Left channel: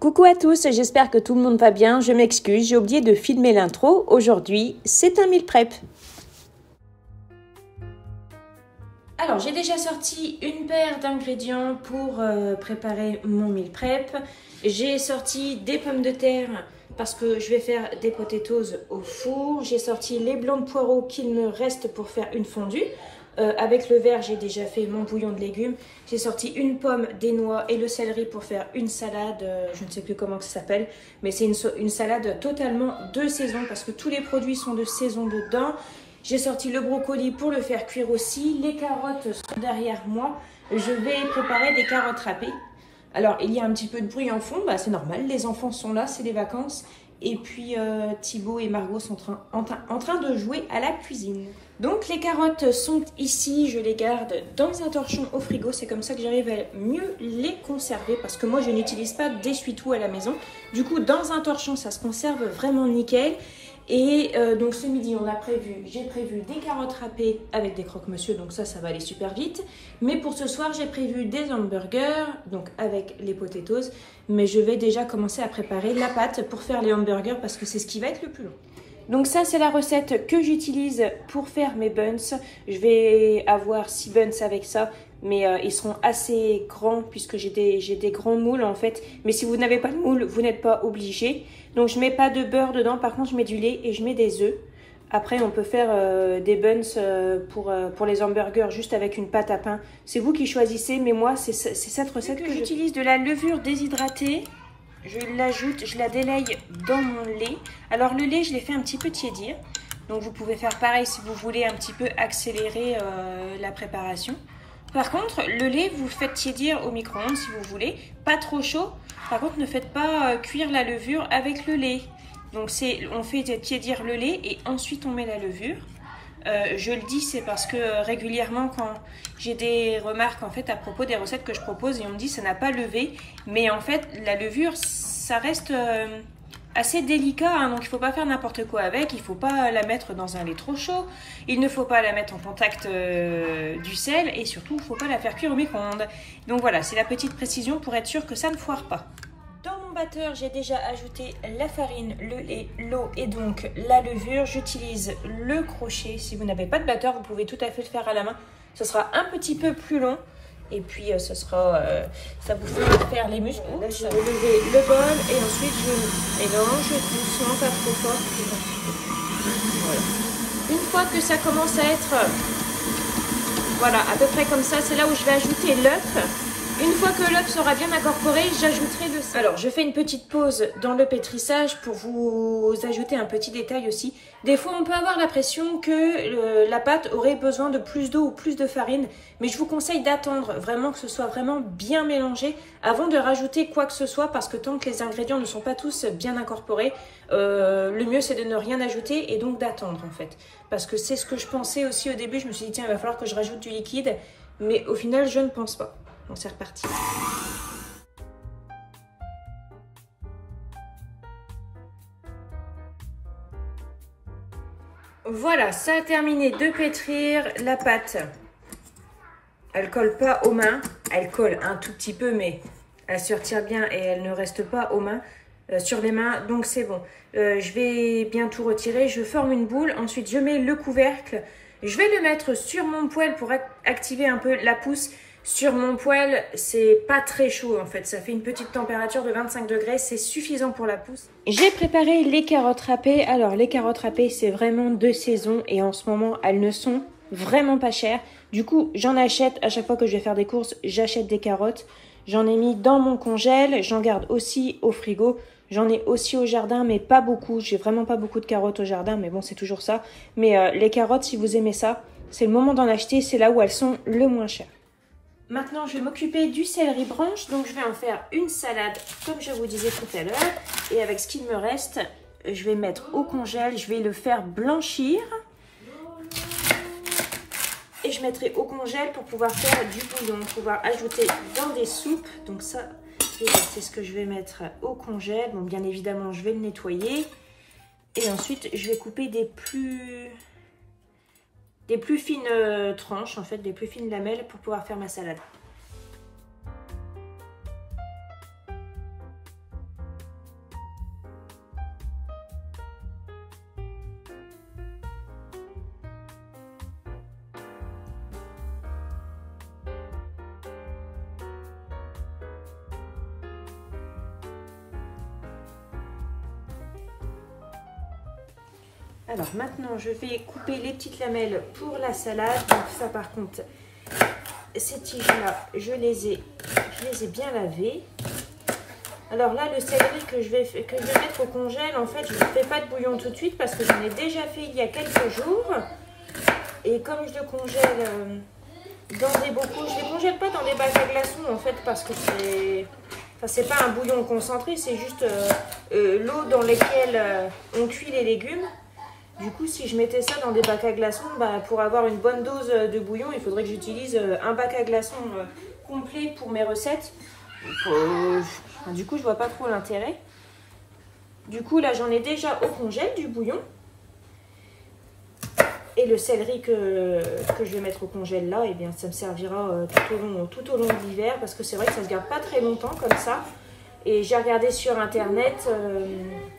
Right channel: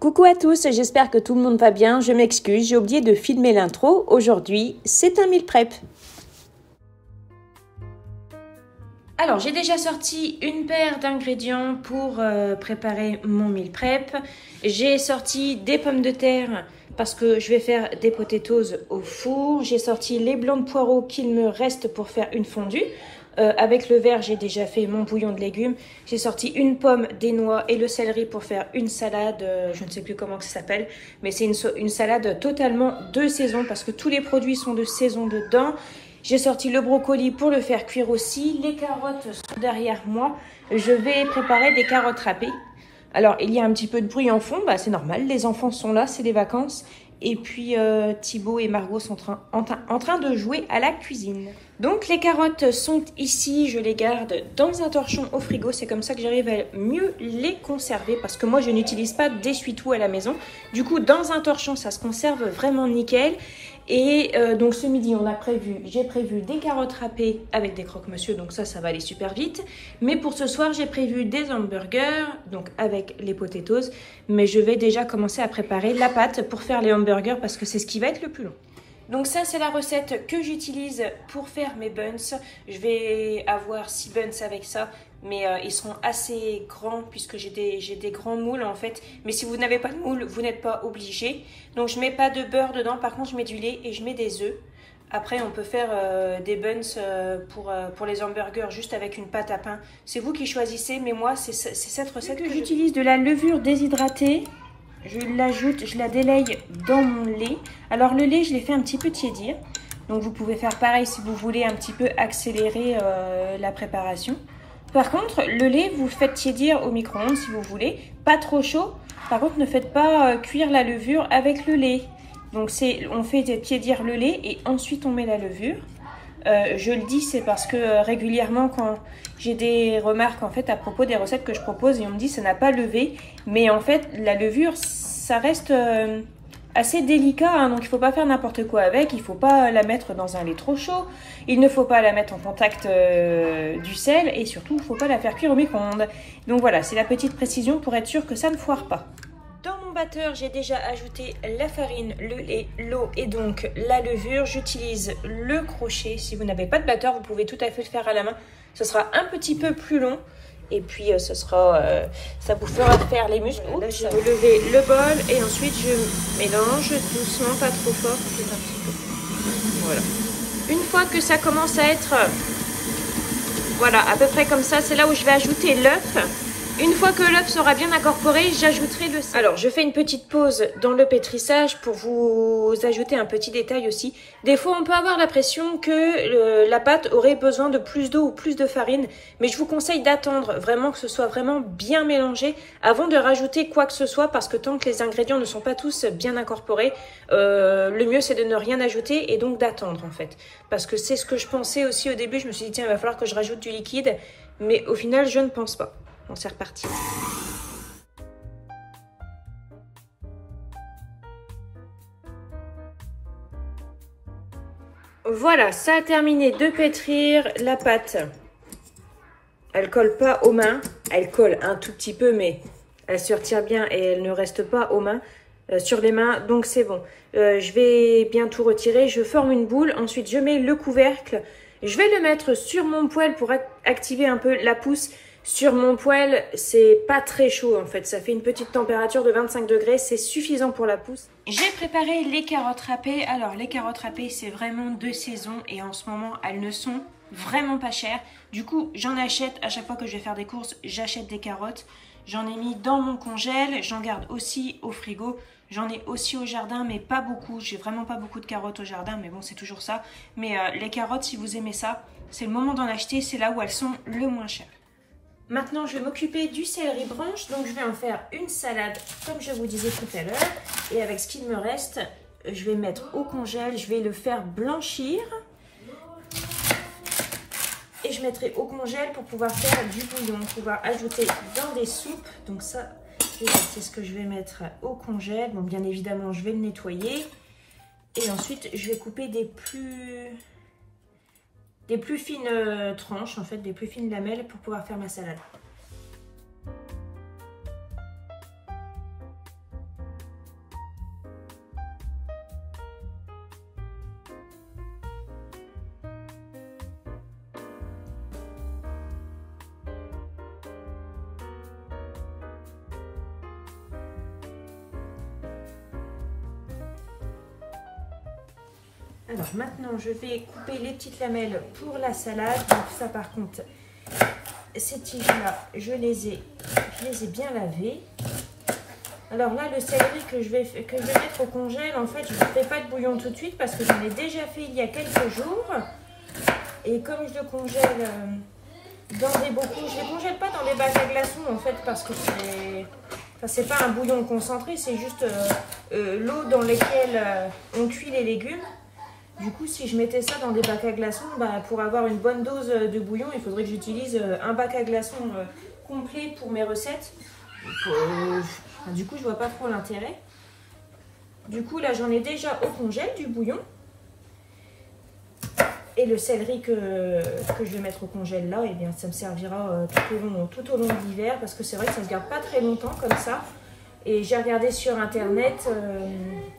Coucou à tous, j'espère que tout le monde va bien. Je m'excuse, j'ai oublié de filmer l'intro. Aujourd'hui, c'est un meal prep. Alors, j'ai déjà sorti une paire d'ingrédients pour préparer mon meal prep. J'ai sorti des pommes de terre parce que je vais faire des potatoes au four. J'ai sorti les blancs de poireaux qu'il me reste pour faire une fondue. Avec le verre, j'ai déjà fait mon bouillon de légumes. J'ai sorti une pomme, des noix et le céleri pour faire une salade. Je ne sais plus comment ça s'appelle, mais c'est une salade totalement de saison parce que tous les produits sont de saison dedans. J'ai sorti le brocoli pour le faire cuire aussi. Les carottes sont derrière moi. Je vais préparer des carottes râpées. Alors, il y a un petit peu de bruit en fond. Bah, c'est normal, les enfants sont là, c'est les vacances. Et puis, Thibaut et Margot sont en train de jouer à la cuisine. Donc, les carottes sont ici. Je les garde dans un torchon au frigo. C'est comme ça que j'arrive à mieux les conserver. Parce que moi, je n'utilise pas d'essuie-tout à la maison. Du coup, dans un torchon, ça se conserve vraiment nickel. Et donc ce midi, j'ai prévu des carottes râpées avec des croque-monsieur, donc ça va aller super vite. Mais pour ce soir, j'ai prévu des hamburgers, donc avec les potatoes. Mais je vais déjà commencer à préparer la pâte pour faire les hamburgers parce que c'est ce qui va être le plus long. Donc ça, c'est la recette que j'utilise pour faire mes buns. Je vais avoir 6 buns avec ça. Mais ils seront assez grands puisque j'ai des grands moules en fait. Mais si vous n'avez pas de moule, vous n'êtes pas obligé. Donc je mets pas de beurre dedans, par contre je mets du lait et je mets des œufs. Après on peut faire des buns pour les hamburgers juste avec une pâte à pain. C'est vous qui choisissez, mais moi c'est cette recette que j'utilise. De la levure déshydratée, je l'ajoute, je la délaye dans mon lait. Alors le lait je l'ai fait un petit peu tiédir. Donc vous pouvez faire pareil si vous voulez un petit peu accélérer la préparation. Par contre, le lait, vous le faites tiédir au micro-ondes si vous voulez, pas trop chaud. Par contre, ne faites pas cuire la levure avec le lait. Donc, on fait tiédir le lait et ensuite on met la levure. Je le dis, c'est parce que régulièrement, quand j'ai des remarques en fait à propos des recettes que je propose et on me dit ça n'a pas levé, mais en fait, la levure, ça reste assez délicat, hein, donc il ne faut pas faire n'importe quoi avec, il ne faut pas la mettre dans un lait trop chaud, il ne faut pas la mettre en contact du sel et surtout il ne faut pas la faire cuire au micro-ondes. Donc voilà, c'est la petite précision pour être sûr que ça ne foire pas. Dans mon batteur, j'ai déjà ajouté la farine, le lait, l'eau et donc la levure. J'utilise le crochet. Si vous n'avez pas de batteur, vous pouvez tout à fait le faire à la main. Ce sera un petit peu plus long. Et puis ça vous fera faire les muscles. Là, je vais lever le bol et ensuite je mélange doucement, pas trop fort. Voilà. Une fois que ça commence à être, voilà, à peu près comme ça, c'est là où je vais ajouter l'œuf. Une fois que l'œuf sera bien incorporé, j'ajouterai le sel. Alors, je fais une petite pause dans le pétrissage pour vous ajouter un petit détail aussi. Des fois, on peut avoir l'impression que la pâte aurait besoin de plus d'eau ou plus de farine. Mais je vous conseille d'attendre vraiment que ce soit vraiment bien mélangé avant de rajouter quoi que ce soit. Parce que tant que les ingrédients ne sont pas tous bien incorporés, le mieux c'est de ne rien ajouter et donc d'attendre en fait. Parce que c'est ce que je pensais aussi au début. Je me suis dit, tiens, il va falloir que je rajoute du liquide. Mais au final, je ne pense pas. Bon, c'est reparti. Voilà, ça a terminé de pétrir. La pâte, elle colle pas aux mains. Elle colle un tout petit peu, mais elle se retire bien et elle ne reste pas aux mains, sur les mains. Donc c'est bon. Je vais bien tout retirer. Je forme une boule. Ensuite, je mets le couvercle. Je vais le mettre sur mon poêle pour activer un peu la pousse. Sur mon poêle, c'est pas très chaud en fait, ça fait une petite température de 25 degrés, c'est suffisant pour la pousse. J'ai préparé les carottes râpées. Alors les carottes râpées, c'est vraiment de saison et en ce moment, elles ne sont vraiment pas chères. Du coup, j'en achète à chaque fois que je vais faire des courses, j'achète des carottes. J'en ai mis dans mon congèle, j'en garde aussi au frigo. J'en ai aussi au jardin, mais pas beaucoup. J'ai vraiment pas beaucoup de carottes au jardin, mais bon, c'est toujours ça. Mais les carottes, si vous aimez ça, c'est le moment d'en acheter, c'est là où elles sont le moins chères. Maintenant, je vais m'occuper du céleri branche. Donc, je vais en faire une salade, comme je vous disais tout à l'heure. Et avec ce qu'il me reste, je vais mettre au congèle. Je vais le faire blanchir. Et je mettrai au congèle pour pouvoir faire du bouillon, pouvoir ajouter dans des soupes. Donc ça, c'est ce que je vais mettre au congèle. Bon, bien évidemment, je vais le nettoyer. Et ensuite, je vais couper des plus fines tranches, en fait, des plus fines lamelles pour pouvoir faire ma salade. Alors maintenant, je vais couper les petites lamelles pour la salade. Donc ça, par contre, ces tiges-là, je les ai bien lavées. Alors là, le céleri que je vais mettre au congèle, en fait, je ne fais pas de bouillon tout de suite parce que j'en ai déjà fait il y a quelques jours. Et comme je le congèle dans des bocaux, je ne le congèle pas dans des bacs à glaçons, en fait, parce que c'est pas un bouillon concentré, c'est juste l'eau dans laquelle on cuit les légumes. Du coup, si je mettais ça dans des bacs à glaçons, bah, pour avoir une bonne dose de bouillon, il faudrait que j'utilise un bac à glaçons complet pour mes recettes. Du coup, je vois pas trop l'intérêt. Du coup, là, j'en ai déjà au congèle du bouillon. Et le céleri que je vais mettre au congèle là, eh bien, ça me servira tout au long de l'hiver parce que c'est vrai que ça se garde pas très longtemps comme ça. Et j'ai regardé sur internet,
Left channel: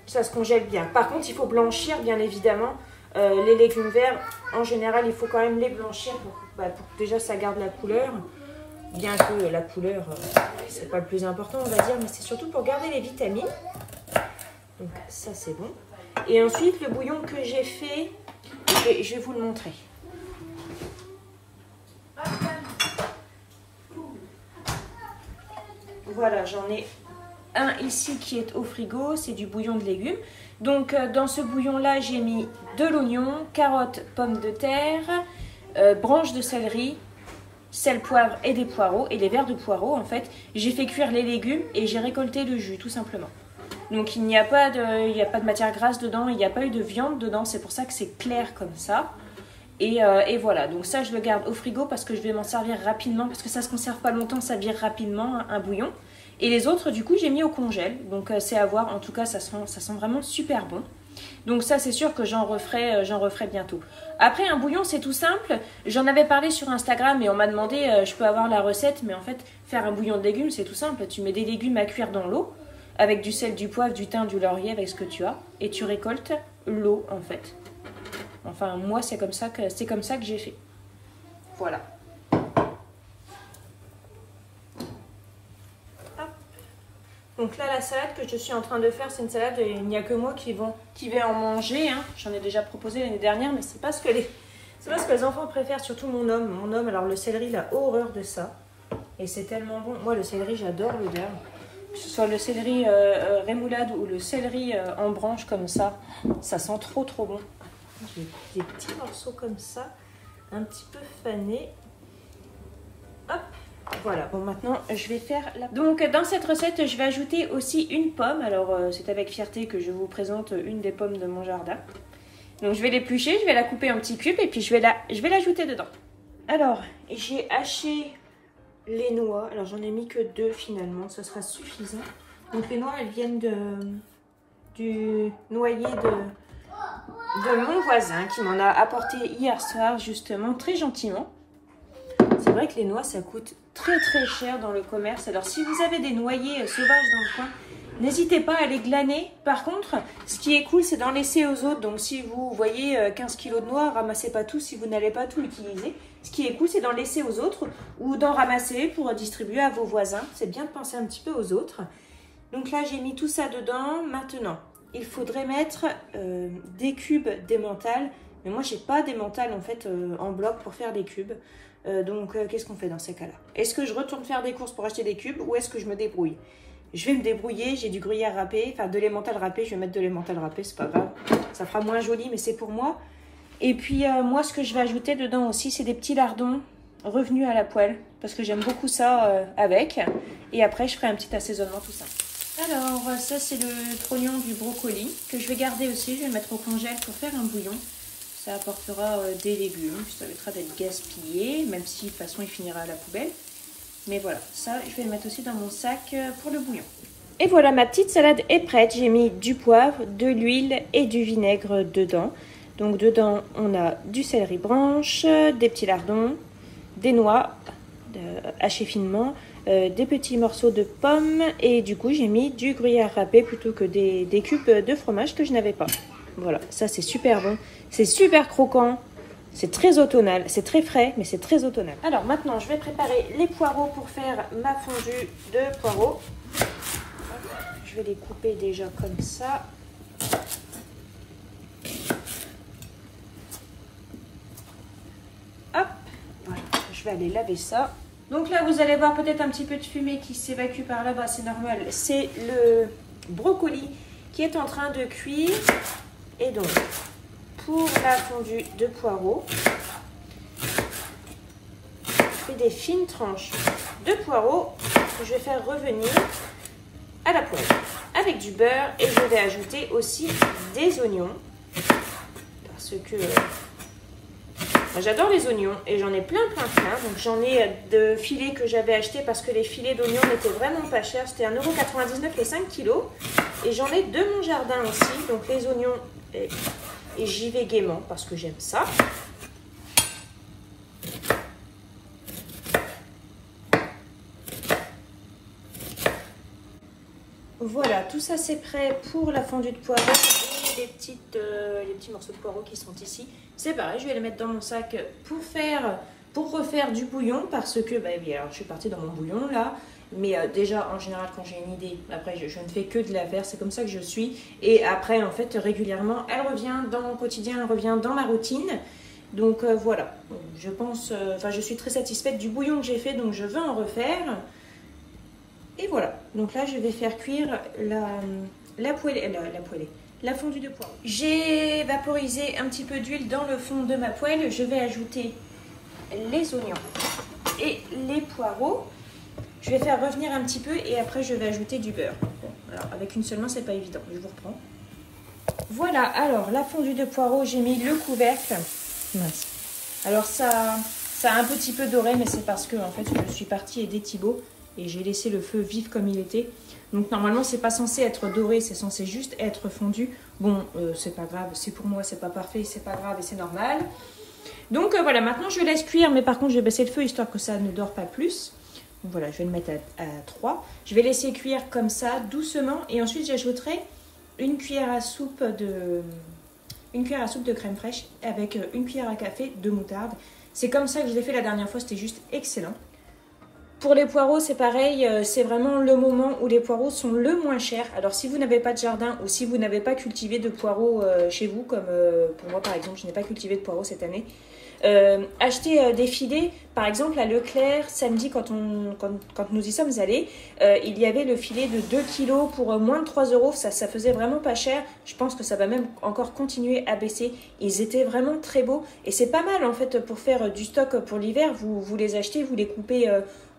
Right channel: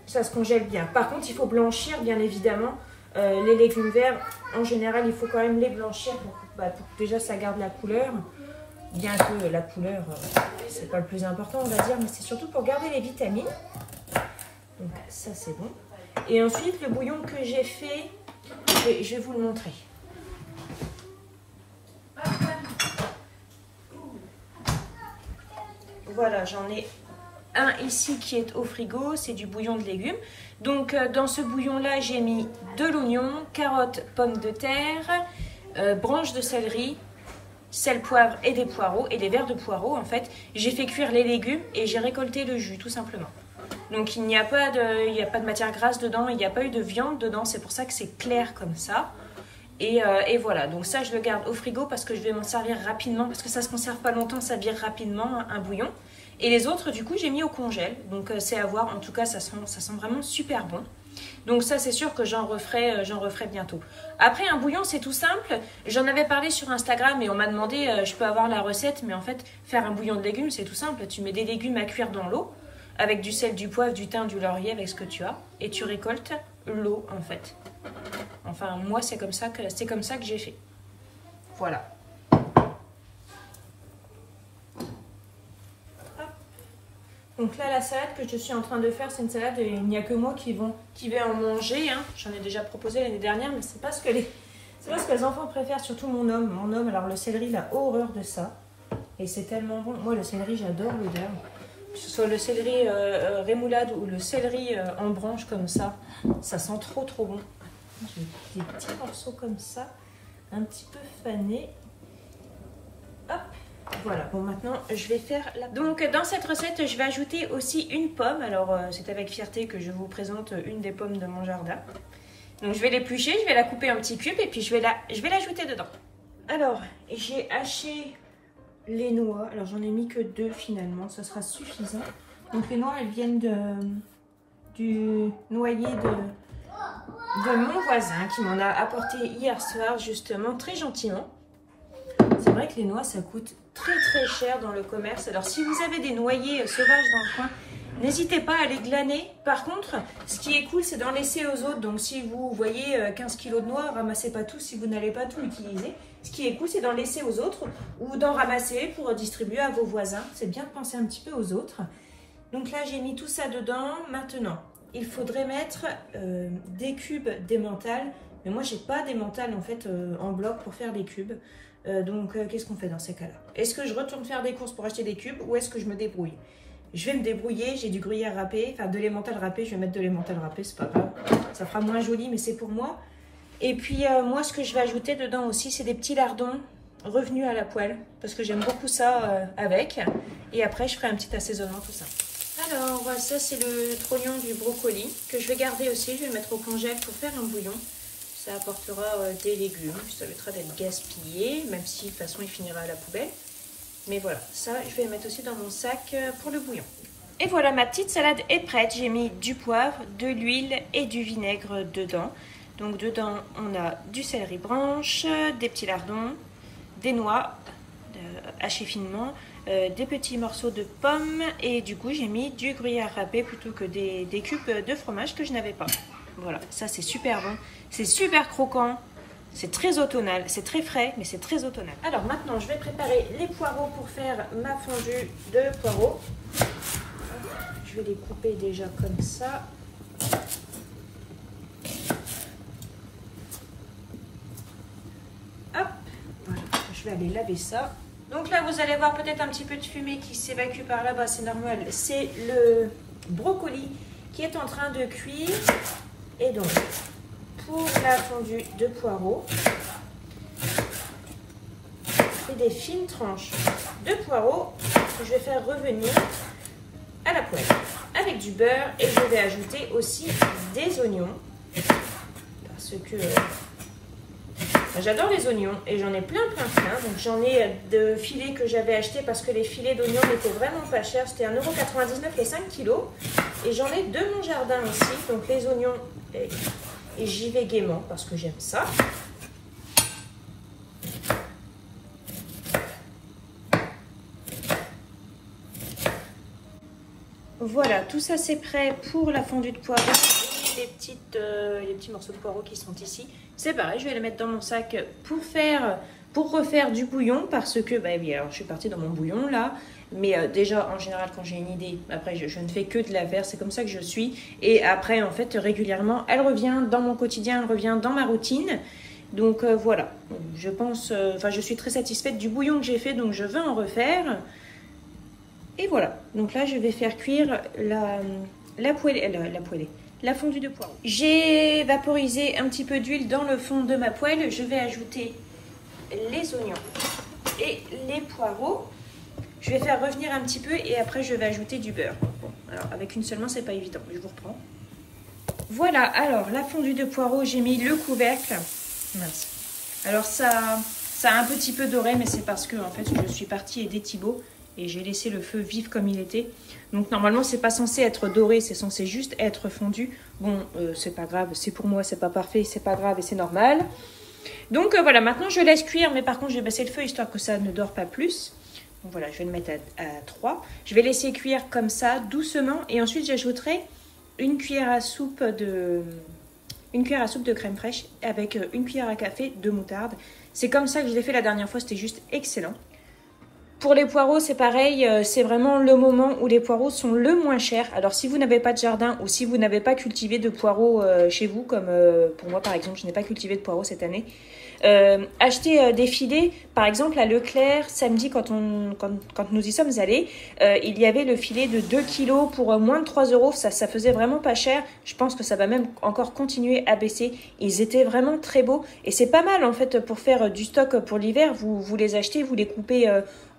ça se congèle bien. Par contre, il faut blanchir, bien évidemment. Les légumes verts, en général, il faut quand même les blanchir pour que déjà ça garde la couleur. Bien que la couleur, c'est pas le plus important, on va dire, mais c'est surtout pour garder les vitamines. Donc ça, c'est bon. Et ensuite, le bouillon que j'ai fait, je vais vous le montrer. Voilà, j'en ai un ici qui est au frigo, c'est du bouillon de légumes. Donc dans ce bouillon-là, j'ai mis de l'oignon, carottes, pommes de terre, branches de céleri, sel, poivre et des poireaux, et les verres de poireaux en fait. J'ai fait cuire les légumes et j'ai récolté le jus tout simplement. Donc il n'y a pas de matière grasse dedans, il n'y a pas eu de viande dedans, c'est pour ça que c'est clair comme ça. Et voilà, donc ça je le garde au frigo parce que je vais m'en servir rapidement, parce que ça se conserve pas longtemps, ça vire rapidement un bouillon. Et les autres du coup j'ai mis au congèle, donc c'est à voir, en tout cas ça sent vraiment super bon. Donc ça c'est sûr que j'en referai bientôt. Après un bouillon c'est tout simple, j'en avais parlé sur Instagram et on m'a demandé je peux avoir la recette, mais en fait faire un bouillon de légumes c'est tout simple, tu mets des légumes à cuire dans l'eau, avec du sel, du poivre, du thym, du laurier, avec ce que tu as, et tu récoltes l'eau en fait. Enfin moi c'est comme ça que j'ai fait. Voilà. Donc là la salade que je suis en train de faire, c'est une salade, il n'y a que moi qui vais en manger. Hein. J'en ai déjà proposé l'année dernière, mais c'est pas ce que les enfants préfèrent, surtout mon homme. Mon homme, alors le céleri, il a horreur de ça. Et c'est tellement bon. Moi le céleri, j'adore l'odeur. Que ce soit le céleri rémoulade ou le céleri en branche comme ça sent trop bon. J'ai des petits morceaux comme ça, un petit peu fanés. Hop, voilà. Bon, maintenant je vais faire la... Donc dans cette recette, je vais ajouter aussi une pomme. Alors c'est avec fierté que je vous présente une des pommes de mon jardin. Donc je vais l'éplucher, je vais la couper en petits cubes et puis je vais l'ajouter dedans. Alors j'ai haché les noix, alors j'en ai mis que 2 finalement, ça sera suffisant. Donc les noix, elles viennent du noyer de mon voisin qui m'en a apporté hier soir justement, très gentiment. C'est vrai que les noix, ça coûte très cher dans le commerce. Alors si vous avez des noyers sauvages dans le coin, n'hésitez pas à les glaner. Par contre, ce qui est cool, c'est d'en laisser aux autres. Donc si vous voyez 15 kg de noix, ramassez pas tout si vous n'allez pas tout utiliser. Ce qui est cool, c'est d'en laisser aux autres ou d'en ramasser pour distribuer à vos voisins. C'est bien de penser un petit peu aux autres. Donc là, j'ai mis tout ça dedans. Maintenant, il faudrait mettre des cubes d'emmental. Mais moi, j'ai pas d'emmental en fait en bloc pour faire des cubes. Donc, qu'est-ce qu'on fait dans ces cas-là? Est-ce que je retourne faire des courses pour acheter des cubes ou est-ce que je me débrouille? Je vais me débrouiller, j'ai du gruyère râpé, enfin de l'emmental râpé, je vais mettre de l'emmental râpé, c'est pas grave. Ça fera moins joli, mais c'est pour moi. Et puis, moi, ce que je vais ajouter dedans aussi, c'est des petits lardons revenus à la poêle, parce que j'aime beaucoup ça avec. Et après, je ferai un petit assaisonnement, tout ça. Alors, ça, c'est le trognon du brocoli, que je vais garder aussi, je vais le mettre au congèle pour faire un bouillon. Ça apportera des légumes, ça évitera d'être gaspillé, même si de toute façon il finira à la poubelle. Mais voilà, ça je vais le mettre aussi dans mon sac pour le bouillon. Et voilà, ma petite salade est prête. J'ai mis du poivre, de l'huile et du vinaigre dedans. Donc dedans on a du céleri branche, des petits lardons, des noix hachées finement, des petits morceaux de pommes et du coup j'ai mis du gruyère râpé plutôt que des cubes de fromage que je n'avais pas. Voilà, ça c'est super bon, c'est super croquant, c'est très automnal, c'est très frais, mais c'est très automnal. Alors maintenant, je vais préparer les poireaux pour faire ma fondue de poireaux. Je vais les couper déjà comme ça. je vais aller laver ça. Donc là, vous allez voir peut-être un petit peu de fumée qui s'évacue par là-bas, c'est normal. C'est le brocoli qui est en train de cuire. Et donc, pour la fondue de poireaux, des fines tranches de poireaux que je vais faire revenir à la poêle avec du beurre et je vais ajouter aussi des oignons parce que j'adore les oignons et j'en ai plein. Donc j'en ai de filets que j'avais acheté parce que les filets d'oignons étaient vraiment pas chers, c'était 1,99 € les 5 kilos et j'en ai de mon jardin aussi, donc les oignons et j'y vais gaiement parce que j'aime ça. Voilà, tout ça c'est prêt pour la fondue de poireaux. Les petits morceaux de poireaux qui sont ici, c'est pareil, je vais les mettre dans mon sac pour refaire du bouillon parce que, alors je suis partie dans mon bouillon là, mais déjà en général quand j'ai une idée, après je ne fais que de la faire, c'est comme ça que je suis. Et après en fait régulièrement, elle revient dans mon quotidien, elle revient dans ma routine. Donc voilà, je pense, je suis très satisfaite du bouillon que j'ai fait, donc je veux en refaire. Et voilà, donc là je vais faire cuire la fondue de poireaux. J'ai vaporisé un petit peu d'huile dans le fond de ma poêle. Je vais ajouter les oignons et les poireaux. Je vais faire revenir un petit peu et après je vais ajouter du beurre. Bon, alors avec une seule main c'est pas évident, je vous reprends. Voilà, alors la fondue de poireaux, j'ai mis le couvercle. Mince. Alors ça a un petit peu doré, mais c'est parce que en fait je suis partie aider Thibaut. Et j'ai laissé le feu vif comme il était. Donc normalement c'est pas censé être doré, c'est censé juste être fondu. Bon, c'est pas grave, c'est pour moi, c'est pas parfait, c'est pas grave et c'est normal. Donc voilà, maintenant je laisse cuire, mais par contre je vais baisser le feu histoire que ça ne dore pas plus. Donc voilà, je vais le mettre à 3. Je vais laisser cuire comme ça, doucement. Et ensuite j'ajouterai une cuillère à soupe de crème fraîche avec une cuillère à café de moutarde. C'est comme ça que je l'ai fait la dernière fois, c'était juste excellent. Pour les poireaux, c'est pareil, c'est vraiment le moment où les poireaux sont le moins chers. Alors, si vous n'avez pas de jardin ou si vous n'avez pas cultivé de poireaux chez vous, comme pour moi par exemple, je n'ai pas cultivé de poireaux cette année, achetez des filets, par exemple à Leclerc, samedi quand nous y sommes allés, il y avait le filet de 2 kg pour moins de 3 €, ça faisait vraiment pas cher. Je pense que ça va même encore continuer à baisser. Ils étaient vraiment très beaux et c'est pas mal en fait pour faire du stock pour l'hiver. Vous les achetez, vous les coupez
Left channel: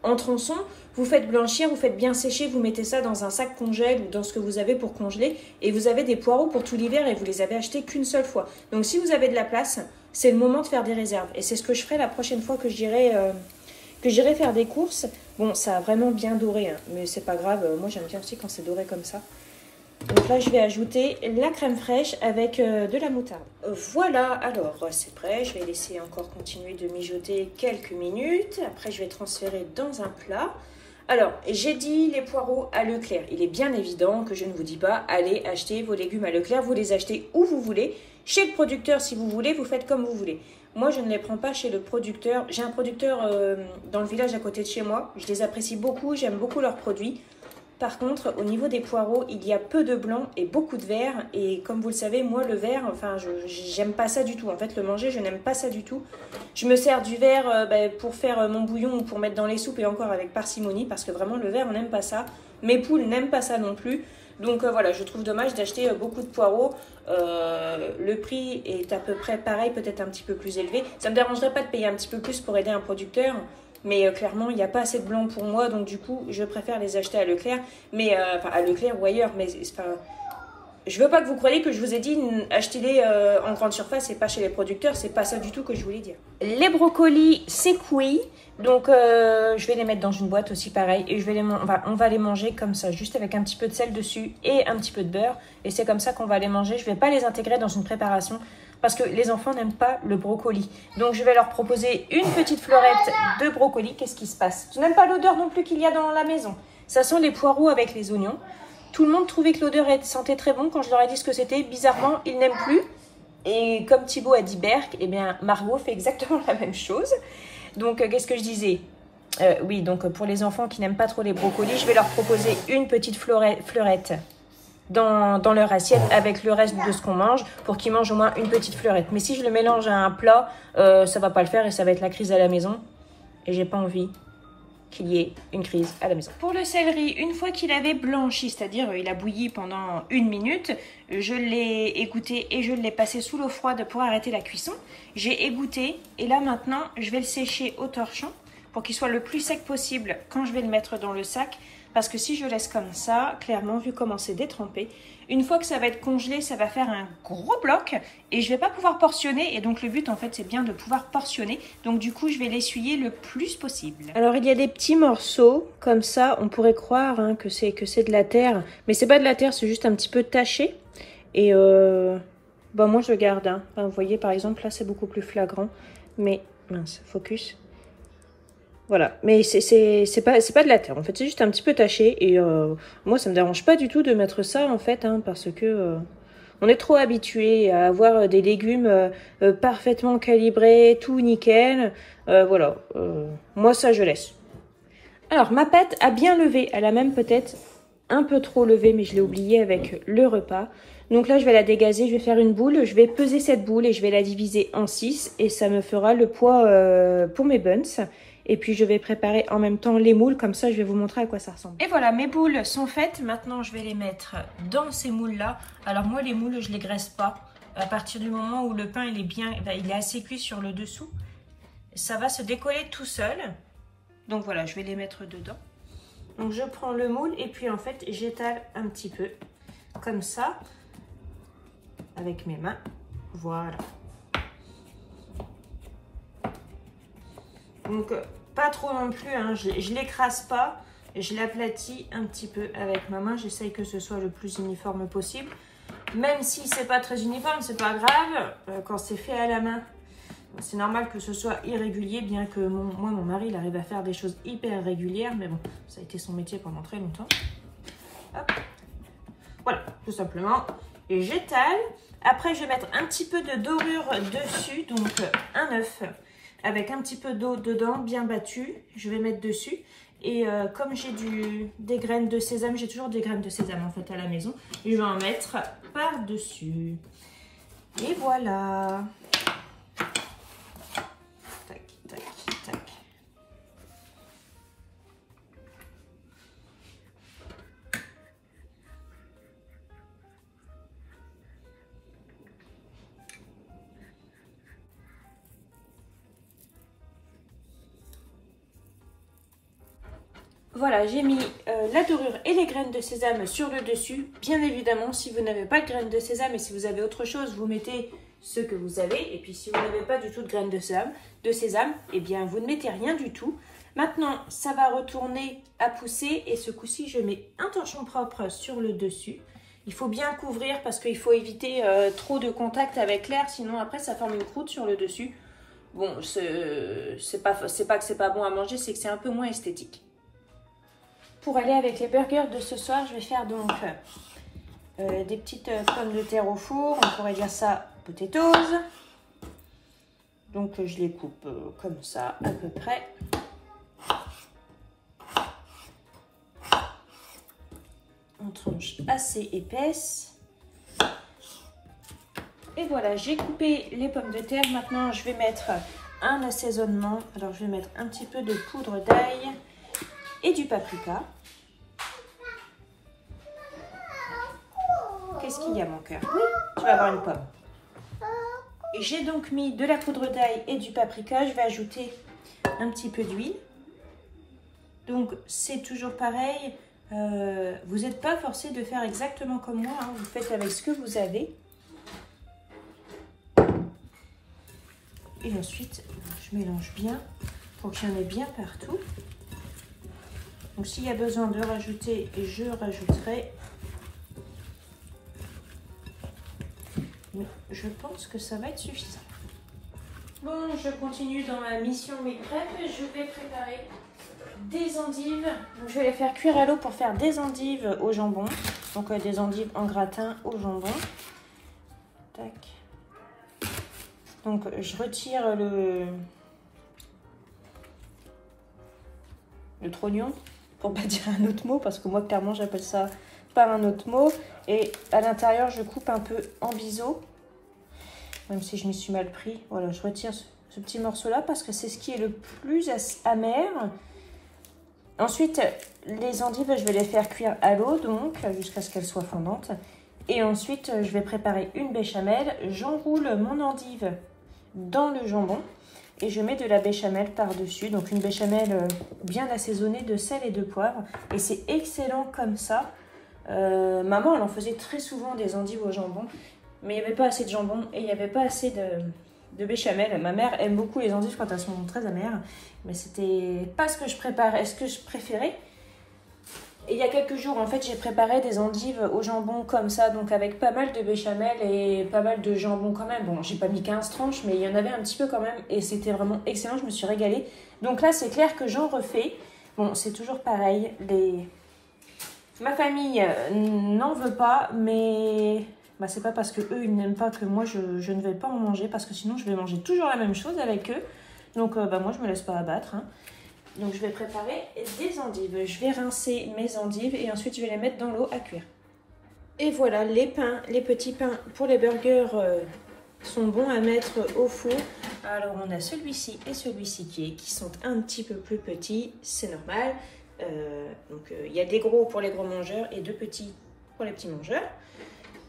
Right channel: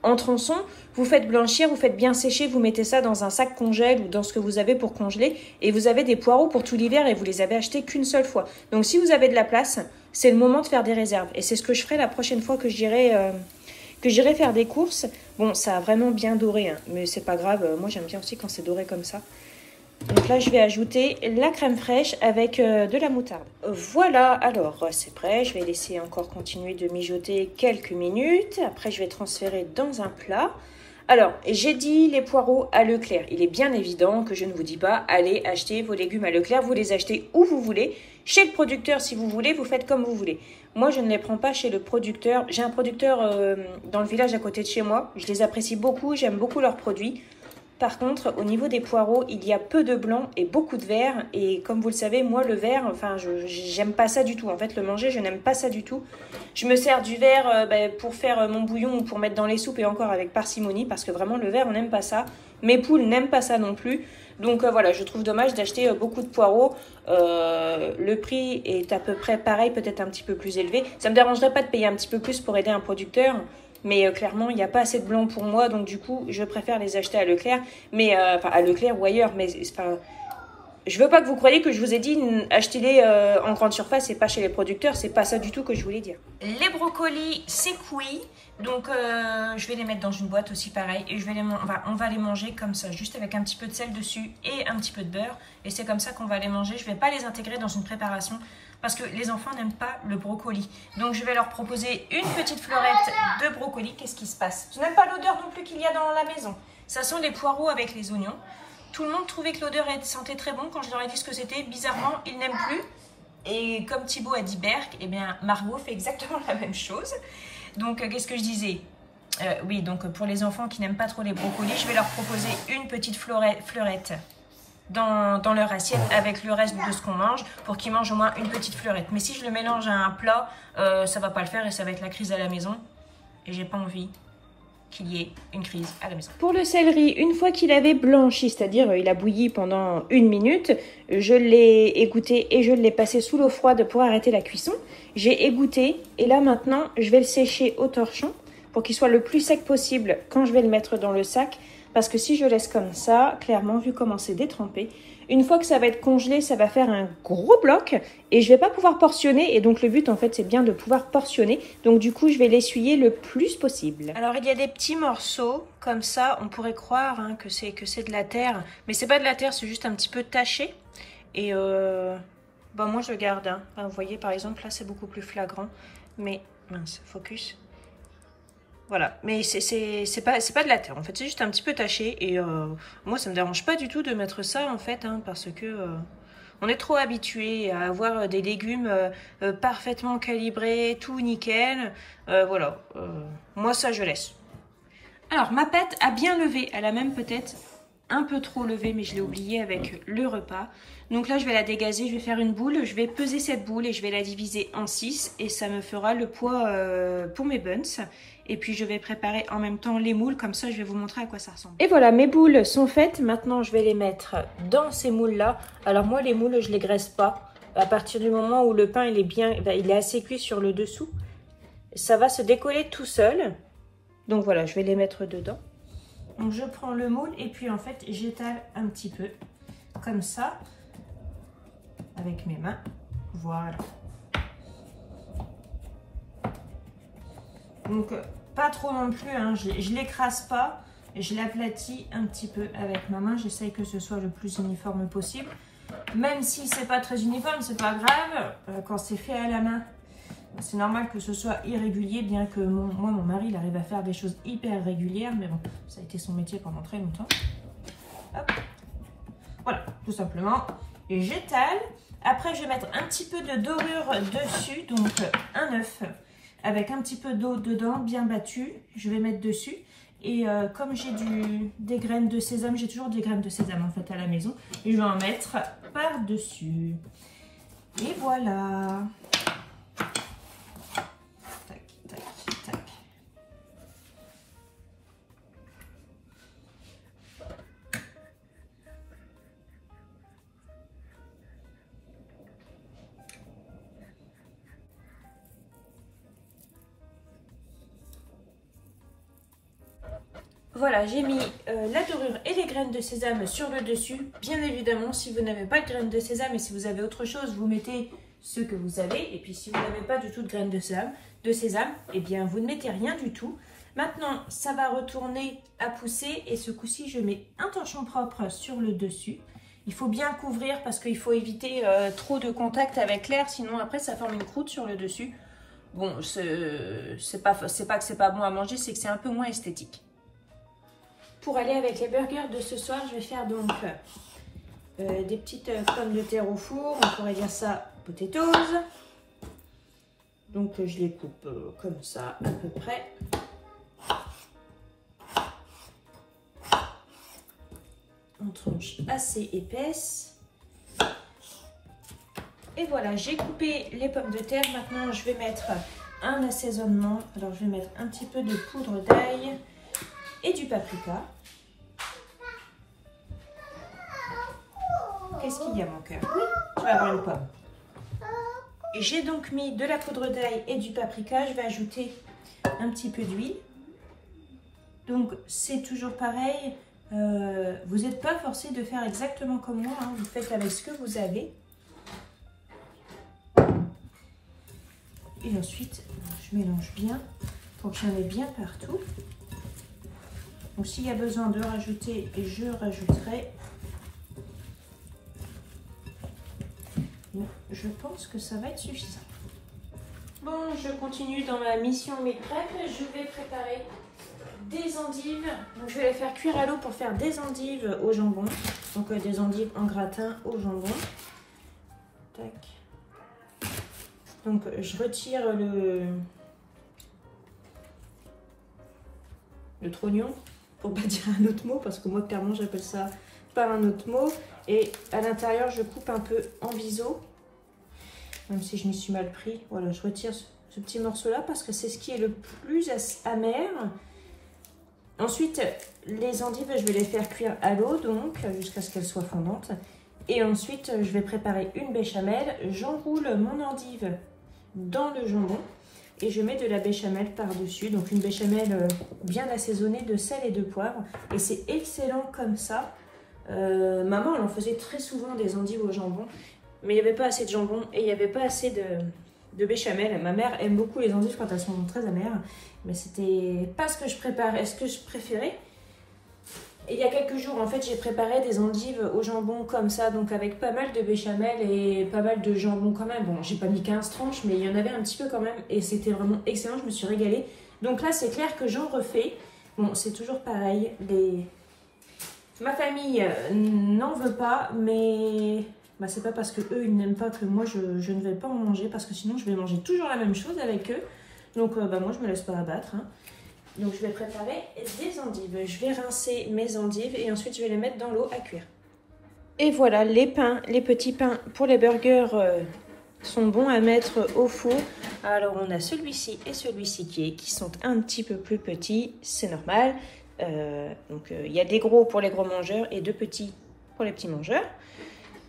en tronçons, vous faites blanchir, vous faites bien sécher, vous mettez ça dans un sac congèle ou dans ce que vous avez pour congeler et vous avez des poireaux pour tout l'hiver et vous les avez achetés qu'une seule fois. Donc si vous avez de la place, c'est le moment de faire des réserves et c'est ce que je ferai la prochaine fois que j'irai faire des courses. Bon, ça a vraiment bien doré, hein, mais c'est pas grave, moi j'aime bien aussi quand c'est doré comme ça. Donc là, je vais ajouter la crème fraîche avec de la moutarde. Voilà, alors c'est prêt. Je vais laisser encore continuer de mijoter quelques minutes. Après, je vais transférer dans un plat. Alors, j'ai dit les poireaux à Leclerc. Il est bien évident que je ne vous dis pas, allez acheter vos légumes à Leclerc. Vous les achetez où vous voulez. Chez le producteur, si vous voulez, vous faites comme vous voulez. Moi, je ne les prends pas chez le producteur. J'ai un producteur dans le village à côté de chez moi. Je les apprécie beaucoup, j'aime beaucoup leurs produits. Par contre, au niveau des poireaux, il y a peu de blanc et beaucoup de vert. Et comme vous le savez, moi, le vert, enfin, j'aime pas ça du tout. En fait, le manger, je n'aime pas ça du tout. Je me sers du vert pour faire mon bouillon ou pour mettre dans les soupes et encore avec parcimonie. Parce que vraiment, le vert, on n'aime pas ça. Mes poules n'aiment pas ça non plus. Donc voilà, je trouve dommage d'acheter beaucoup de poireaux. Le prix est à peu près pareil, peut-être un petit peu plus élevé. Ça ne me dérangerait pas de payer un petit peu plus pour aider un producteur. Mais clairement, il n'y a pas assez de blanc pour moi. Donc du coup, je préfère les acheter à Leclerc. Mais enfin, à Leclerc ou ailleurs. Mais enfin, je veux pas que vous croyiez que je vous ai dit achetez-les en grande surface et pas chez les producteurs. C'est pas ça du tout que je voulais dire. Les brocolis, c'est cuit. Donc je vais les mettre dans une boîte aussi pareil. Et on va les manger comme ça. Juste avec un petit peu de sel dessus et un petit peu de beurre. Et c'est comme ça qu'on va les manger. Je vais pas les intégrer dans une préparation. Parce que les enfants n'aiment pas le brocoli. Donc je vais leur proposer une petite fleurette de brocoli. Qu'est-ce qui se passe? Tu n'aimes pas l'odeur non plus qu'il y a dans la maison? Ça sent les poireaux avec les oignons. Tout le monde trouvait que l'odeur sentait très bon. Quand je leur ai dit ce que c'était, bizarrement, ils n'aiment plus. Et comme Thibaut a dit Berck, eh bien Margot fait exactement la même chose. Donc qu'est-ce que je disais? Oui, donc pour les enfants qui n'aiment pas trop les brocolis, je vais leur proposer une petite fleurette dans leur assiette avec le reste de ce qu'on mange pour qu'ils mangent au moins une petite fleurette. Mais si je le mélange à un plat, ça va pas le faire et ça va être la crise à la maison. et j'ai pas envie qu'il y ait une crise à la maison. Pour le céleri, une fois qu'il avait blanchi, c'est-à-dire il a bouilli pendant 1 minute, je l'ai égoutté et je l'ai passé sous l'eau froide pour arrêter la cuisson. J'ai égoutté et là maintenant, je vais le sécher au torchon pour qu'il soit le plus sec possible quand je vais le mettre dans le sac. Parce que si je laisse comme ça, clairement, vu comment c'est détrempé, une fois que ça va être congelé, ça va faire un gros bloc et je vais pas pouvoir portionner. Et donc le but en fait, c'est bien de pouvoir portionner. Donc du coup, je vais l'essuyer le plus possible. Alors il y a des petits morceaux comme ça. On pourrait croire hein, que c'est de la terre, mais c'est pas de la terre, c'est juste un petit peu taché. Et bon, moi je le garde. Hein. Enfin, vous voyez par exemple là, c'est beaucoup plus flagrant. Mais mince, focus. Voilà, mais c'est pas de la terre, en fait, c'est juste un petit peu taché. Et moi, ça me dérange pas du tout de mettre ça, en fait, hein, parce que on est trop habitué à avoir des légumes parfaitement calibrés, tout nickel. Voilà, moi, ça, je laisse. Alors, ma pâte a bien levé. Elle a même peut-être un peu trop levé, mais je l'ai oublié avec le repas. Donc là, je vais la dégazer, je vais faire une boule. Je vais peser cette boule et je vais la diviser en 6. Et ça me fera le poids pour mes buns. Et puis, je vais préparer en même temps les moules. Comme ça, je vais vous montrer à quoi ça ressemble. Et voilà, mes boules sont faites. Maintenant, je vais les mettre dans ces moules-là. Alors, moi, les moules, je les graisse pas. À partir du moment où le pain, il est assez cuit sur le dessous, ça va se décoller tout seul. Donc, voilà, je vais les mettre dedans. Donc, je prends le moule et puis, en fait, j'étale un petit peu comme ça avec mes mains. Voilà. Donc, pas trop non plus, hein. Je l'écrase pas, et je l'aplatis un petit peu avec ma main. J'essaye que ce soit le plus uniforme possible. Même si c'est pas très uniforme, c'est pas grave. Quand c'est fait à la main, c'est normal que ce soit irrégulier, bien que mon mari, il arrive à faire des choses hyper régulières. Mais bon, ça a été son métier pendant très longtemps. Hop. Voilà, tout simplement. Et j'étale. Après, je vais mettre un petit peu de dorure dessus, donc un œuf. Avec un petit peu d'eau dedans, bien battue, je vais mettre dessus. Et comme j'ai des graines de sésame, j'ai toujours des graines de sésame en fait à la maison, je vais en mettre par-dessus. Et voilà. Tac, tac, tac. Voilà, j'ai mis la dorure et les graines de sésame sur le dessus. Bien évidemment, si vous n'avez pas de graines de sésame et si vous avez autre chose, vous mettez ce que vous avez. Et puis si vous n'avez pas du tout de graines de sésame, eh bien vous ne mettez rien du tout. Maintenant, ça va retourner à pousser et ce coup-ci, je mets un torchon propre sur le dessus. Il faut bien couvrir parce qu'il faut éviter trop de contact avec l'air, sinon après ça forme une croûte sur le dessus. Bon, c'est pas que c'est pas bon à manger, c'est que c'est un peu moins esthétique. Pour aller avec les burgers de ce soir, je vais faire donc des petites pommes de terre au four. On pourrait dire ça potatoes. Donc je les coupe comme ça à peu près. En tranches assez épaisses. Et voilà, j'ai coupé les pommes de terre. Maintenant, je vais mettre un assaisonnement. Alors, je vais mettre un petit peu de poudre d'ail et du paprika. Qu'est-ce qu'il y a, mon cœur? Oui, tu vas avoir une pomme. J'ai donc mis de la poudre d'ail et du paprika. Je vais ajouter un petit peu d'huile. Donc, c'est toujours pareil. Vous n'êtes pas forcé de faire exactement comme moi. Hein. Vous faites avec ce que vous avez. Et ensuite, je mélange bien pour qu'il y en ait bien partout. Donc, s'il y a besoin de rajouter, je rajouterai. Je pense que ça va être suffisant. Bon, je continue dans ma mission meal prep. Je vais préparer des endives. Donc, je vais les faire cuire à l'eau pour faire des endives au jambon. Donc, des endives en gratin au jambon. Tac. Donc, je retire le trognon, pour pas dire un autre mot, parce que moi, clairement, j'appelle ça par un autre mot. Et à l'intérieur, je coupe un peu en biseau, même si je m'y suis mal pris. Voilà, je retire ce petit morceau-là, parce que c'est ce qui est le plus amer. Ensuite, les endives, je vais les faire cuire à l'eau, donc, jusqu'à ce qu'elles soient fondantes. Et ensuite, je vais préparer une béchamel. J'enroule mon endive dans le jambon et je mets de la béchamel par-dessus. Donc, une béchamel bien assaisonnée de sel et de poivre. Et c'est excellent comme ça. Maman, elle en faisait très souvent des endives au jambon, mais il n'y avait pas assez de jambon et il n'y avait pas assez de béchamel. Ma mère aime beaucoup les endives quand elles sont très amères, mais c'était pas ce que je préparais, ce que je préférais. Et il y a quelques jours, en fait, j'ai préparé des endives au jambon comme ça, donc avec pas mal de béchamel et pas mal de jambon quand même. Bon, j'ai pas mis 15 tranches, mais il y en avait un petit peu quand même et c'était vraiment excellent, je me suis régalée. Donc là, c'est clair que j'en refais. Bon, c'est toujours pareil, ma famille n'en veut pas, mais bah, c'est pas parce que eux ils n'aiment pas que moi je ne vais pas en manger, parce que sinon je vais manger toujours la même chose avec eux. Donc bah, moi je me laisse pas abattre, hein. Donc je vais préparer des endives. Je vais rincer mes endives et ensuite je vais les mettre dans l'eau à cuire. Et voilà, les pains, les petits pains pour les burgers sont bons à mettre au four. Alors on a celui-ci et celui-ci qui sont un petit peu plus petits, c'est normal. Donc il y a des gros pour les gros mangeurs et deux petits pour les petits mangeurs.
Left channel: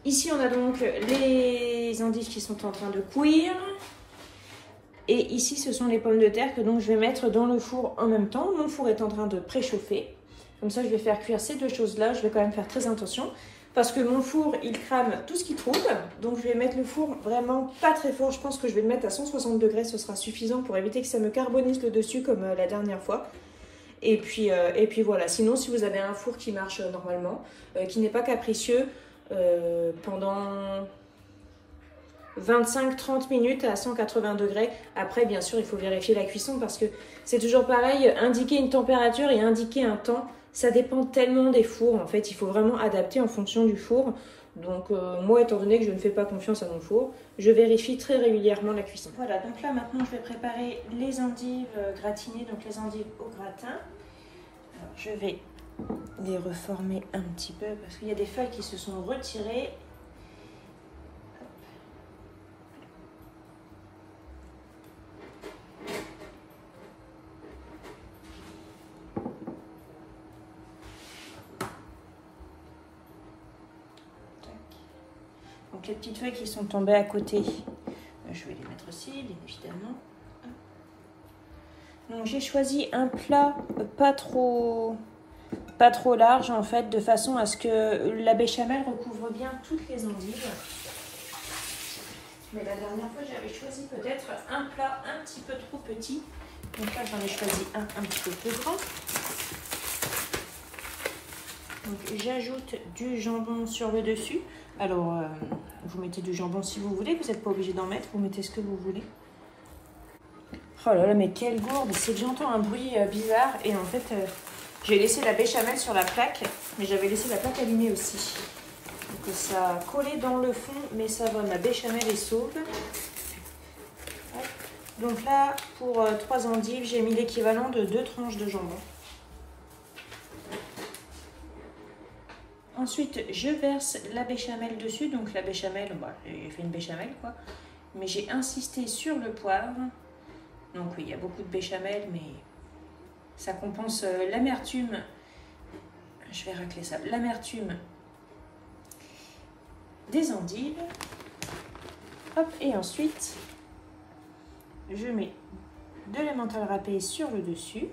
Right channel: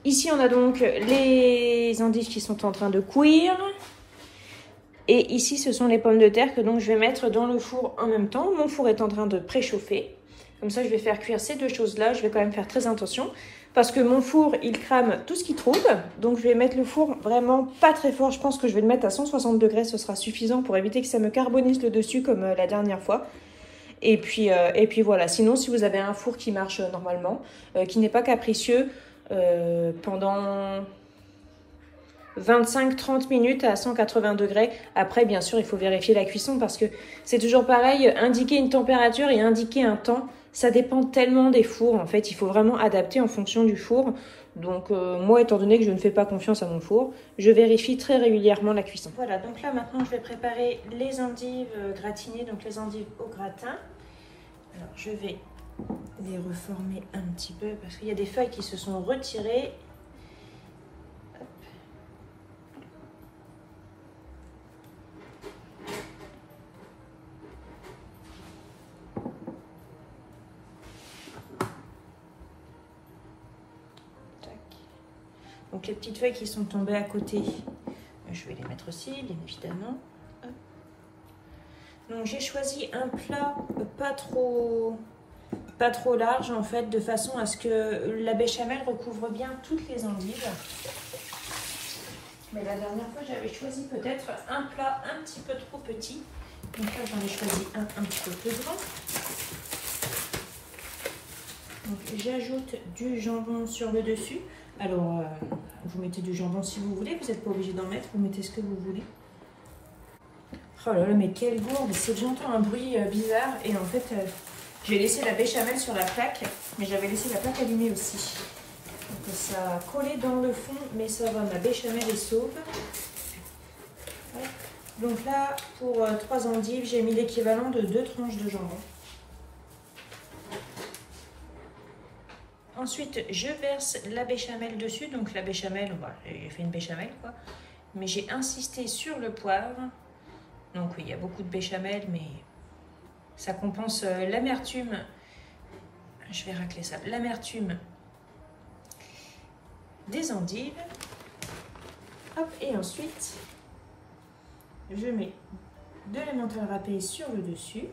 Ici on a donc les endives qui sont en train de cuire. Et ici, ce sont les pommes de terre que donc je vais mettre dans le four en même temps. Mon four est en train de préchauffer. Comme ça, je vais faire cuire ces deux choses-là. Je vais quand même faire très attention parce que mon four, il crame tout ce qu'il trouve. Donc, je vais mettre le four vraiment pas très fort. Je pense que je vais le mettre à 160 degrés. Ce sera suffisant pour éviter que ça me carbonise le dessus comme la dernière fois. Et puis voilà. Sinon, si vous avez un four qui marche normalement, qui n'est pas capricieux, pendant 25-30 minutes à 180 degrés. Après, bien sûr, il faut vérifier la cuisson parce que c'est toujours pareil. Indiquer une température et indiquer un temps, ça dépend tellement des fours. En fait, il faut vraiment adapter en fonction du four. Donc, moi, étant donné que je ne fais pas confiance à mon four, je vérifie très régulièrement la cuisson. Voilà, donc là, maintenant, je vais préparer les endives gratinées, donc les endives au gratin. Alors, je vais les reformer un petit peu parce qu'il y a des feuilles qui se sont retirées. Donc les petites feuilles qui sont tombées à côté, je vais les mettre aussi, bien évidemment. Donc j'ai choisi un plat pas trop large en fait, de façon à ce que la béchamel recouvre bien toutes les endives. Mais la dernière fois j'avais choisi peut-être un plat un petit peu trop petit. Donc là j'en ai choisi un petit peu plus grand. Donc j'ajoute du jambon sur le dessus. Alors, vous mettez du jambon si vous voulez, vous n'êtes pas obligé d'en mettre, vous mettez ce que vous voulez. Oh là là, mais quelle gourde! C'est que j'entends un bruit bizarre et en fait, j'ai laissé la béchamel sur la plaque, mais j'avais laissé la plaque allumée aussi. Donc ça a collé dans le fond, mais ça va, la béchamel est sauve. Donc là, pour 3 endives, j'ai mis l'équivalent de 2 tranches de jambon. Ensuite, je verse la béchamel dessus. Donc la béchamel, voilà, j'ai fait une béchamel quoi. Mais j'ai insisté sur le poivre. Donc oui, il y a beaucoup de béchamel, mais ça compense l'amertume. Je vais racler ça. L'amertume des endives. Hop, et ensuite, je mets de l'emmental râpé sur le dessus.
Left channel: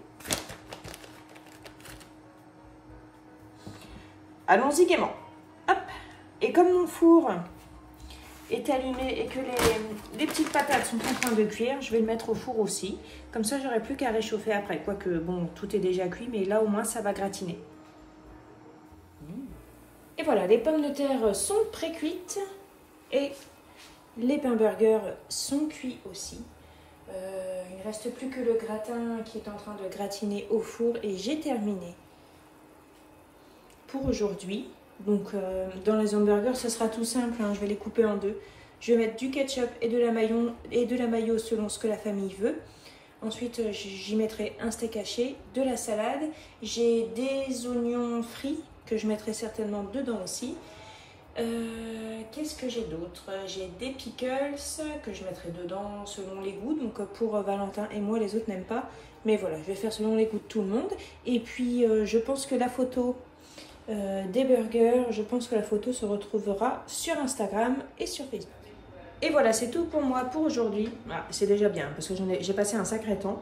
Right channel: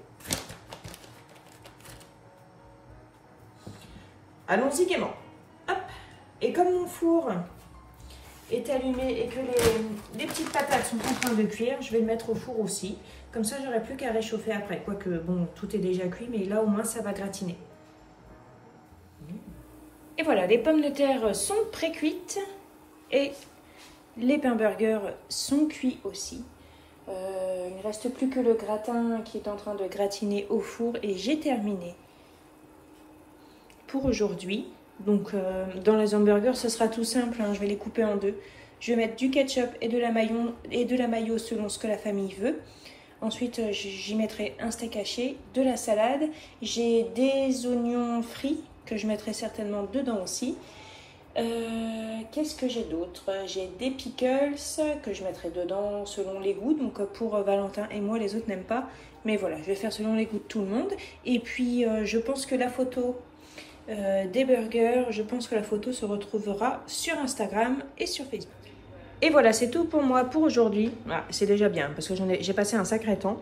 Allons-y gaiement. Hop. Et comme mon four est allumé et que les petites patates sont en train de cuire, je vais le mettre au four aussi. Comme ça, j'aurai plus qu'à réchauffer après. Quoique, bon, tout est déjà cuit, mais là, au moins, ça va gratiner. Et voilà, les pommes de terre sont pré-cuites et les pains burgers sont cuits aussi. Il ne reste plus que le gratin qui est en train de gratiner au four et j'ai terminé pour aujourd'hui. Donc dans les hamburgers ce sera tout simple, hein, je vais les couper en deux. Je vais mettre du ketchup et de la mayo selon ce que la famille veut. Ensuite j'y mettrai un steak haché, de la salade, j'ai des oignons frits que je mettrai certainement dedans aussi. Qu'est-ce que j'ai d'autre? J'ai des pickles que je mettrai dedans selon les goûts. Donc pour Valentin et moi, les autres n'aiment pas. Mais voilà, je vais faire selon les goûts de tout le monde. Et puis je pense que la photo des burgers, je pense que la photo se retrouvera sur Instagram et sur Facebook. Et voilà, c'est tout pour moi pour aujourd'hui. Ah, c'est déjà bien parce que j'ai passé un sacré temps.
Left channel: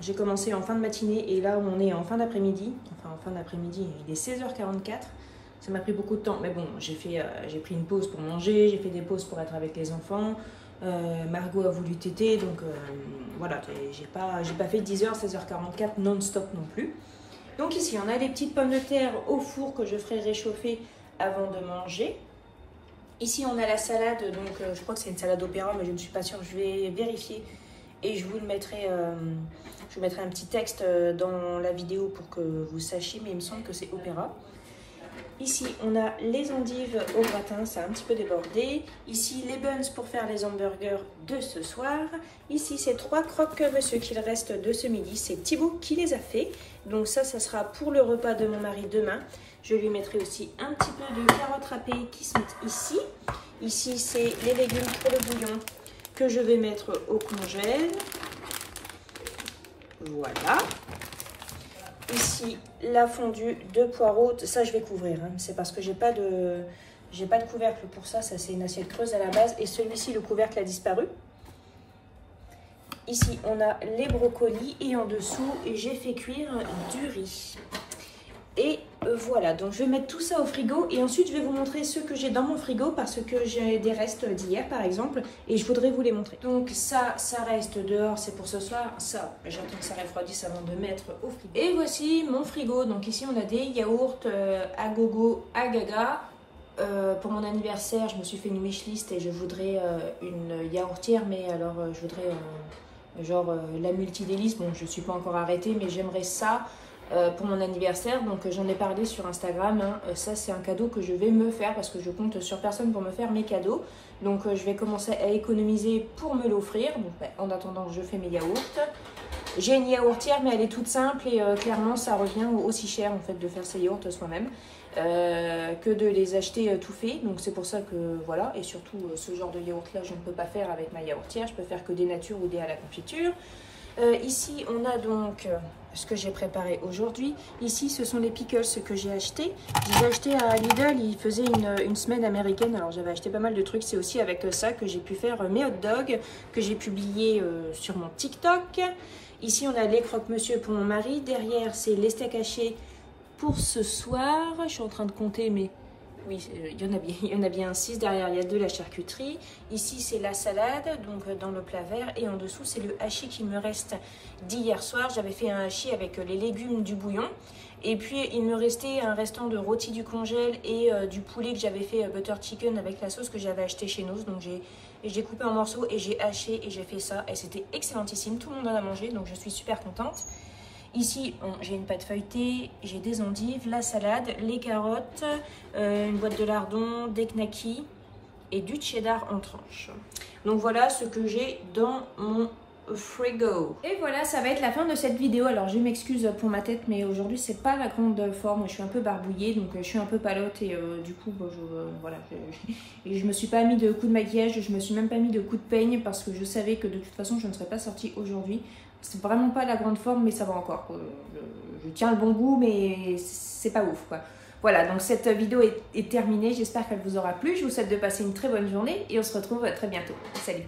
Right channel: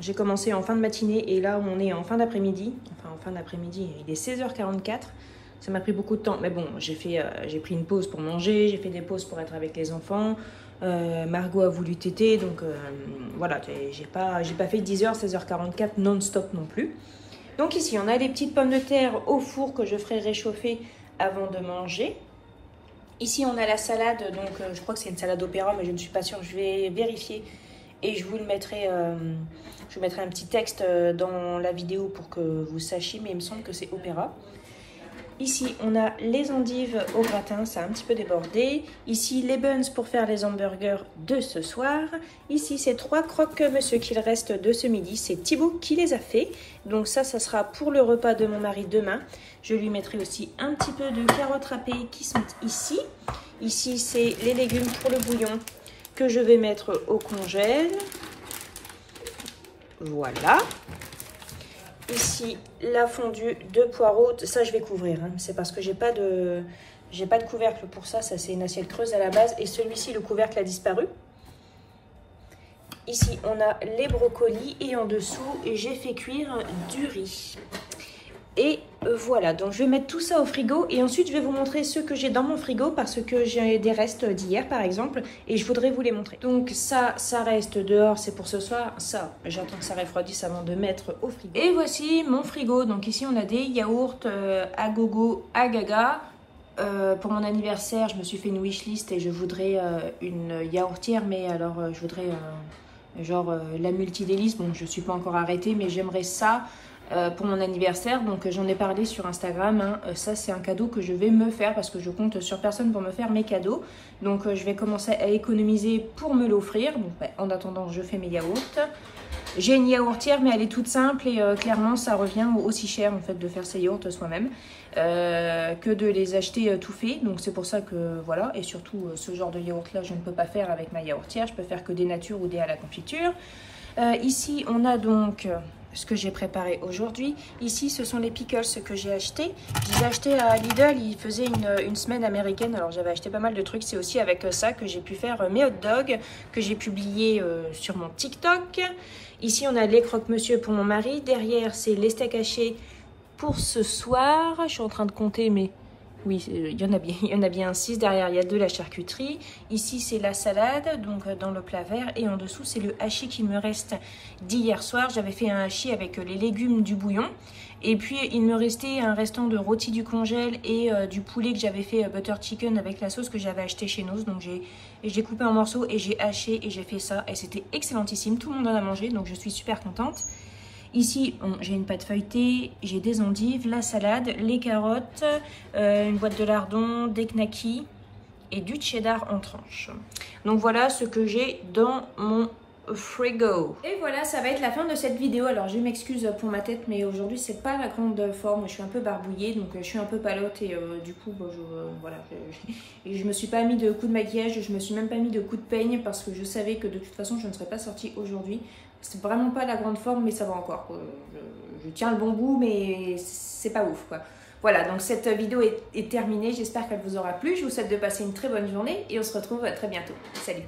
J'ai commencé en fin de matinée et là on est en fin d'après-midi. Enfin en fin d'après-midi, il est 16h44. Ça m'a pris beaucoup de temps, mais bon, j'ai pris une pause pour manger, j'ai fait des pauses pour être avec les enfants. Margot a voulu téter, donc voilà, j'ai pas fait 10h, 16h44 non-stop non plus. Donc ici, on a des petites pommes de terre au four que je ferai réchauffer avant de manger. Ici, on a la salade, donc je crois que c'est une salade opéra, mais je ne suis pas sûre, je vais vérifier. Et je vous le mettrai, je vous mettrai un petit texte dans la vidéo pour que vous sachiez, mais il me semble que c'est opéra. Ici, on a les endives au gratin, ça a un petit peu débordé. Ici, les buns pour faire les hamburgers de ce soir. Ici, ces 3 croque-monsieur qu'il reste de ce midi. C'est Thibaut qui les a fait. Donc ça sera pour le repas de mon mari demain. Je lui mettrai aussi un petit peu de carottes râpées qui sont ici. Ici, c'est les légumes pour le bouillon que je vais mettre au congèle. Voilà. Ici, la fondue de poireaux, ça je vais couvrir, hein. C'est parce que j'ai pas de couvercle pour ça, ça c'est une assiette creuse à la base et celui-ci, le couvercle a disparu. Ici, on a les brocolis et en dessous, j'ai fait cuire du riz. Et voilà, donc je vais mettre tout ça au frigo et ensuite je vais vous montrer ce que j'ai dans mon frigo parce que j'ai des restes d'hier par exemple et je voudrais vous les montrer. Donc ça reste dehors, c'est pour ce soir. Ça, j'attends que ça refroidisse avant de mettre au frigo. Et voici mon frigo. Donc ici on a des yaourts à gogo, à gaga. Pour mon anniversaire, je me suis fait une wishlist et je voudrais une yaourtière, mais alors je voudrais genre la multidélice. Bon, je ne suis pas encore arrêtée, mais j'aimerais ça. Pour mon anniversaire, donc j'en ai parlé sur Instagram, hein. Ça c'est un cadeau que je vais me faire parce que je compte sur personne pour me faire mes cadeaux, donc je vais commencer à économiser pour me l'offrir. Donc en attendant je fais mes yaourts. J'ai une yaourtière mais elle est toute simple et clairement ça revient aussi cher en fait de faire ses yaourts soi-même que de les acheter tout faits, donc c'est pour ça que voilà. Et surtout ce genre de yaourt là je ne peux pas faire avec ma yaourtière, je peux faire que des natures ou des à la confiture. Ici on a donc ce que j'ai préparé aujourd'hui. Ici, ce sont les pickles que j'ai achetés. J'ai acheté à Lidl, il faisait une semaine américaine. Alors, j'avais acheté pas mal de trucs. C'est aussi avec ça que j'ai pu faire mes hot dogs que j'ai publié sur mon TikTok. Ici, on a les croque-monsieur pour mon mari. Derrière, c'est les steaks hachés pour ce soir. Je suis en train de compter, mais oui, il y en a bien 6. Derrière, il y a de la charcuterie. Ici, c'est la salade, donc dans le plat vert. Et en dessous, c'est le hachis qui me reste d'hier soir. J'avais fait un hachis avec les légumes du bouillon. Et puis, il me restait un restant de rôti du congèle et du poulet que j'avais fait butter chicken avec la sauce que j'avais acheté chez Noz. Donc, j'ai coupé en morceaux et j'ai haché et j'ai fait ça. Et c'était excellentissime. Tout le monde en a mangé, donc je suis super contente. Ici, j'ai une pâte feuilletée, j'ai des endives, la salade, les carottes, une boîte de lardons, des knackis et du cheddar en tranches. Donc voilà ce que j'ai dans mon frigo. Et voilà, ça va être la fin de cette vidéo. Alors je m'excuse pour ma tête, mais aujourd'hui c'est pas la grande forme. Je suis un peu barbouillée, donc je suis un peu palote et du coup, voilà. Et je me suis pas mis de coup de maquillage, je me suis même pas mis de coup de peigne parce que je savais que de toute façon je ne serais pas sortie aujourd'hui. C'est vraiment pas la grande forme, mais ça va encore. Je tiens le bon bout, mais c'est pas ouf, quoi. Voilà, donc cette vidéo est terminée. J'espère qu'elle vous aura plu. Je vous souhaite de passer une très bonne journée et on se retrouve très bientôt. Salut!